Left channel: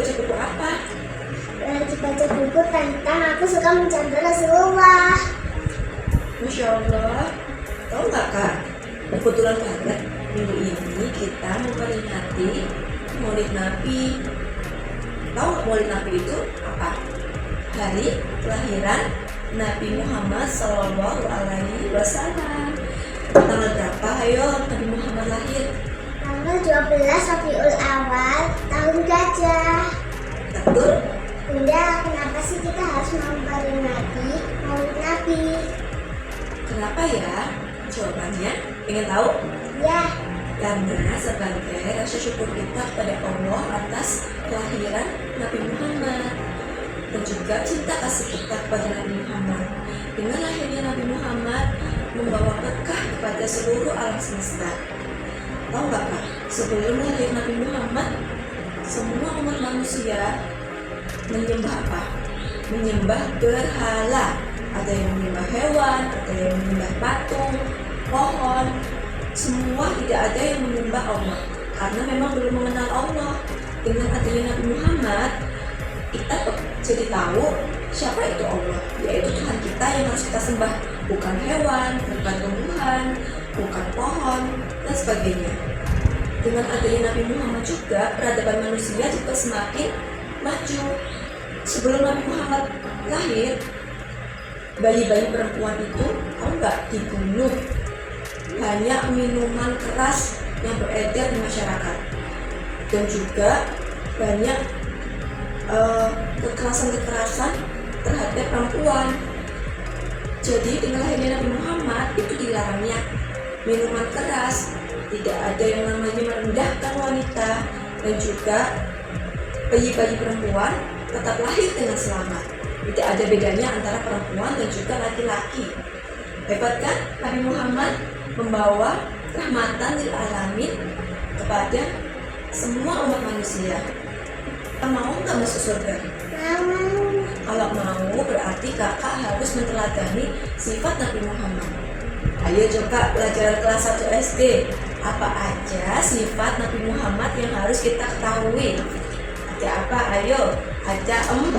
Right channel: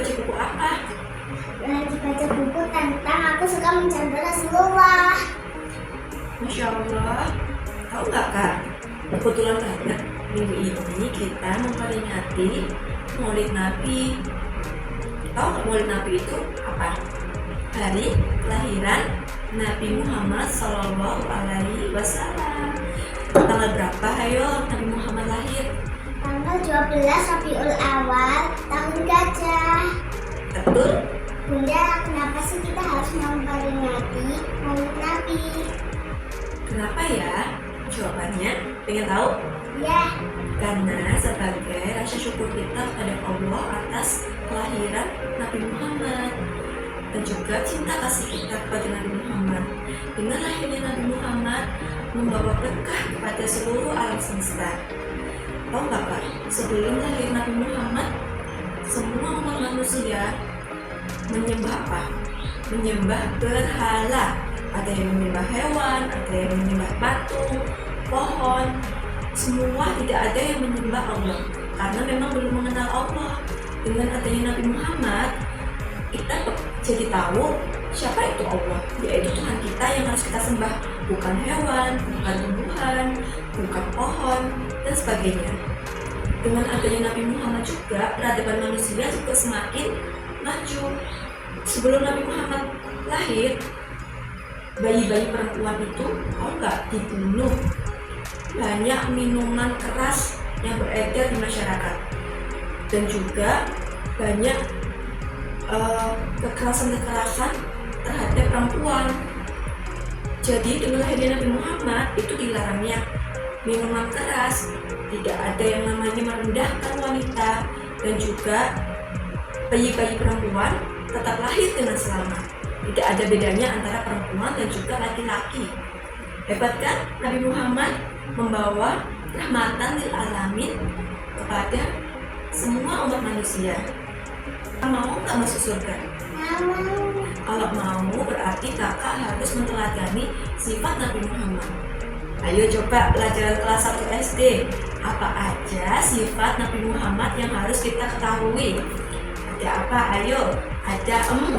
baca buku apa? Lagi baca buku tentang aku suka mencontoh Rasulullah. Masya Allah. Tahu nggak Kak? Kebetulan banget minggu ini kita memperingati Maulid Nabi. Tahu nggak Maulid Nabi itu apa? Hari kelahiran Nabi Muhammad Sallallahu Alaihi Wasallam. Tanggal berapa? Ayo Nabi Muhammad lahir. Tanggal 12 Rabiul Awal tahun gajah. Betul? Bunda, kenapa sih kita harus memperingati Maulid Nabi? Kenapa ya? Jawabannya, pengen tahu? Ya, Karena sebagai rasa syukur kita kepada Allah atas kelahiran Nabi Muhammad dan juga cinta kasih kita kepada Nabi Muhammad. Dengan lahirnya Nabi Muhammad membawa berkah kepada seluruh alam semesta. Tahu nggak Kak? Sebelum lahir Nabi Muhammad, semua umat manusia menyembah apa? Menyembah berhala. Ada yang menyembah hewan, ada yang menyembah patung, pohon. Semua tidak ada yang menyembah Allah karena memang belum mengenal Allah. Dengan adanya Nabi Muhammad, kita jadi tahu siapa itu Allah, yaitu Tuhan kita yang harus kita sembah, bukan hewan, bukan tumbuhan, bukan pohon, dan sebagainya. Dengan adanya Nabi Muhammad juga, peradaban manusia juga semakin maju. Sebelum Nabi Muhammad lahir, bayi-bayi perempuan itu nggak dibunuh. Banyak minuman keras yang beredar di masyarakat, dan juga banyak kekerasan-kekerasan terhadap perempuan. Jadi dengan lahirnya Nabi Muhammad itu dilarangnya minuman keras, tidak ada yang namanya merendahkan wanita, dan juga bayi-bayi perempuan tetap lahir dengan selamat. Tidak ada bedanya antara perempuan dan juga laki-laki. Hebat kan? Nabi Muhammad membawa rahmatan lil alamin kepada semua umat manusia. Mau nggak masuk surga? mau. Kalau mau berarti kakak harus meneladani sifat Nabi Muhammad. Ayo coba pelajaran kelas 1 SD. Apa aja sifat Nabi Muhammad yang harus kita ketahui? Ada apa? Ayo. Ada 4.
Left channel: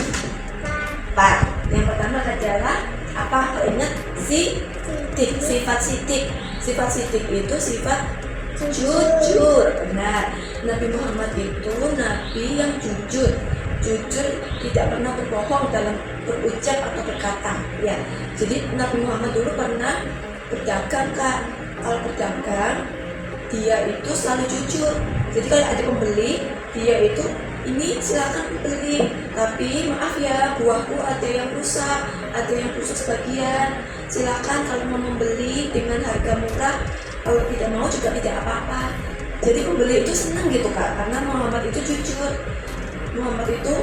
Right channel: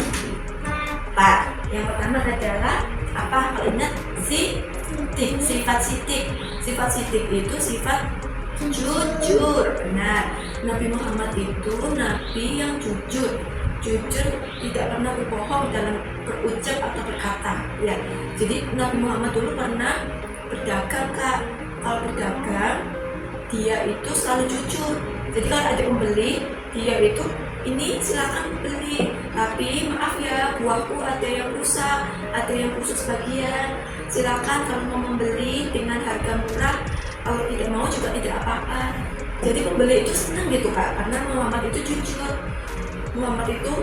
Yang pertama adalah apa? Kalau ingat sidik, sifat sidik. Sifat sidik itu sifat jujur. Benar. Nabi Muhammad itu nabi yang jujur. Jujur, tidak pernah berbohong dalam berucap atau berkata. Ya. Jadi Nabi Muhammad dulu pernah berdagang Kak. Kalau berdagang, dia itu selalu jujur. Jadi kalau ada pembeli, dia itu ini silakan beli, tapi maaf ya buahku ada yang rusak, ada yang busuk sebagian. Silakan kalau mau membeli dengan harga murah, kalau tidak mau juga tidak apa-apa. Jadi pembeli itu senang gitu Kak, karena Muhammad itu jujur. Muhammad itu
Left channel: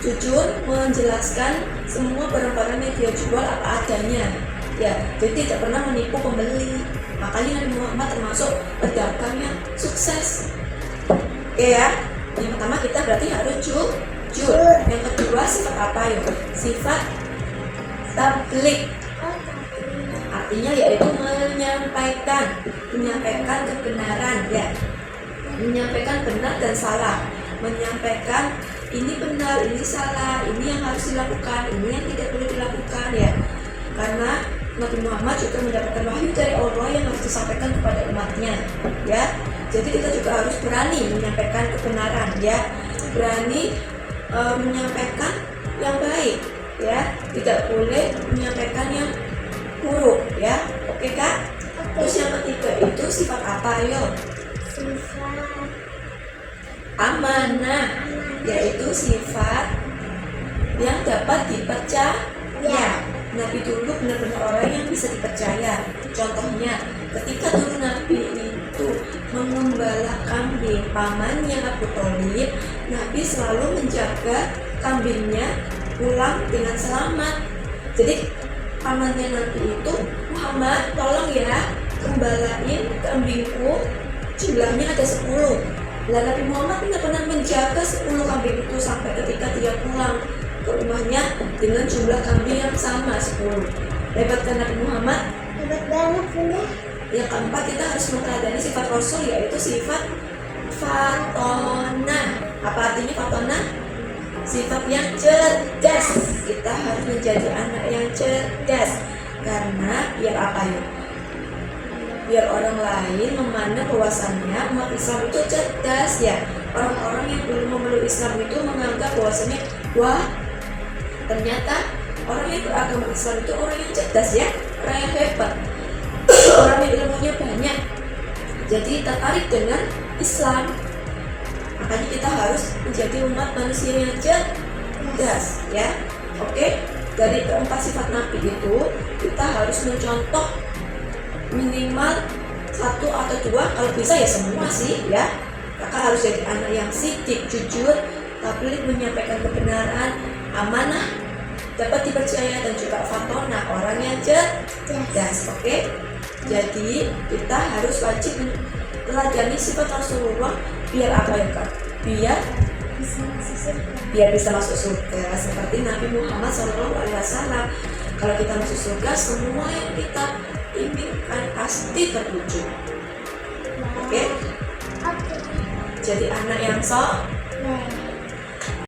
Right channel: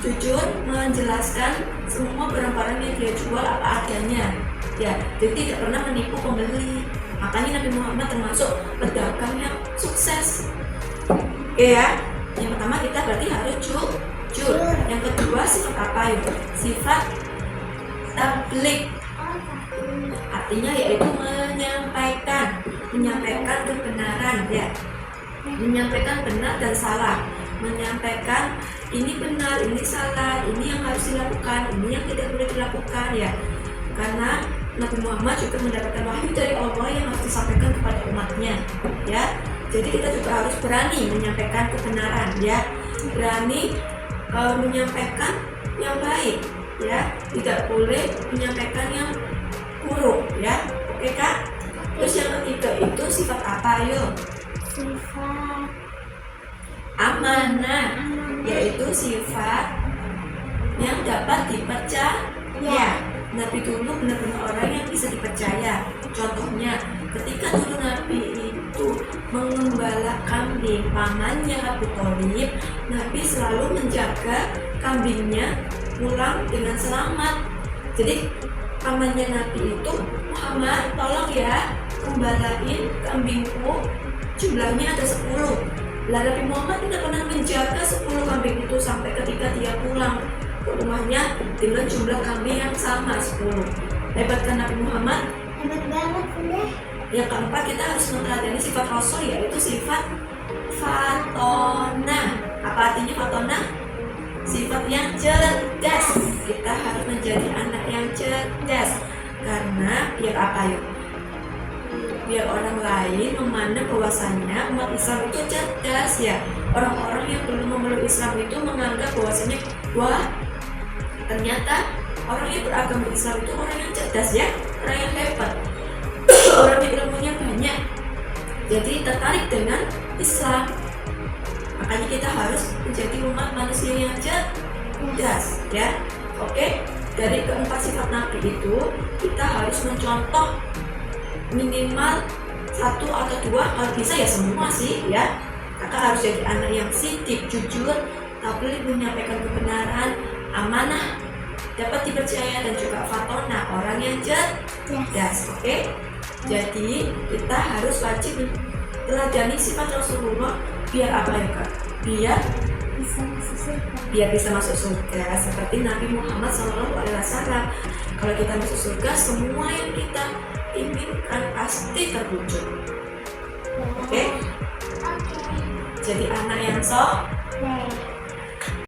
jujur menjelaskan semua barang-barang yang dia jual apa adanya. Ya, jadi tidak pernah menipu pembeli. Makanya Nabi Muhammad termasuk pedagang yang sukses. Oke ya. Yang pertama kita berarti harus jujur. Yang kedua sifat apa ya? Sifat tabligh. Artinya yaitu menyampaikan kebenaran ya. Menyampaikan benar dan salah. Menyampaikan ini benar, ini salah, ini yang harus dilakukan, ini yang tidak boleh dilakukan ya. Karena Nabi Muhammad juga mendapatkan wahyu dari Allah yang harus disampaikan kepada umatnya ya. Jadi kita juga harus berani menyampaikan kebenaran ya, berani menyampaikan yang baik ya, tidak boleh menyampaikan yang buruk ya. Oke Kak? Terus yang ketiga itu sifat apa? Ayo. Sifat Amanah, yaitu sifat yang dapat dipercaya. Nabi dulu benar-benar orang yang bisa dipercaya. Contohnya, ketika dulu Nabi itu mengembala kambing pamannya Abu Thalib, Nabi selalu menjaga kambingnya pulang dengan selamat. Jadi pamannya Nabi itu, Muhammad tolong ya gembalain kambingku, jumlahnya ada 10. Nah, Nabi Muhammad benar-benar menjaga 10 kambing itu sampai ketika dia pulang ke rumahnya dengan jumlah kambing yang sama 10. Hebat kan Nabi Muhammad? hebat banget Bunda. Yang keempat kita harus meneladani sifat Rasul, yaitu sifat fatona. Apa artinya fatona? sifat yang cerdas. Kita harus menjadi anak yang cerdas. Karena biar apa yuk? Biar orang lain memandang bahwasannya umat Islam itu cerdas ya. Orang-orang yang belum memeluk Islam itu menganggap bahwasannya, wah, ternyata orang yang beragama Islam itu orang yang cerdas ya, orang yang hebat, orang yang ilmunya banyak. Jadi tertarik dengan Islam. Makanya kita harus menjadi umat manusia yang cerdas ya. Oke, dari keempat sifat Nabi itu kita harus mencontoh minimal 1 atau 2, kalau bisa ya semua sih ya. Kakak harus jadi anak yang sidik, jujur, tabligh, menyampaikan kebenaran, amanah, dapat dipercaya, dan juga fatona, orang yang cerdas. Oke, jadi kita harus wajib teladani sifat Rasulullah. Biar apa ya Kak? Biar bisa masuk surga seperti Nabi Muhammad SAW. Kalau kita masuk surga, semua yang kita inginkan pasti terwujud. Oke? Jadi anak yang soleh.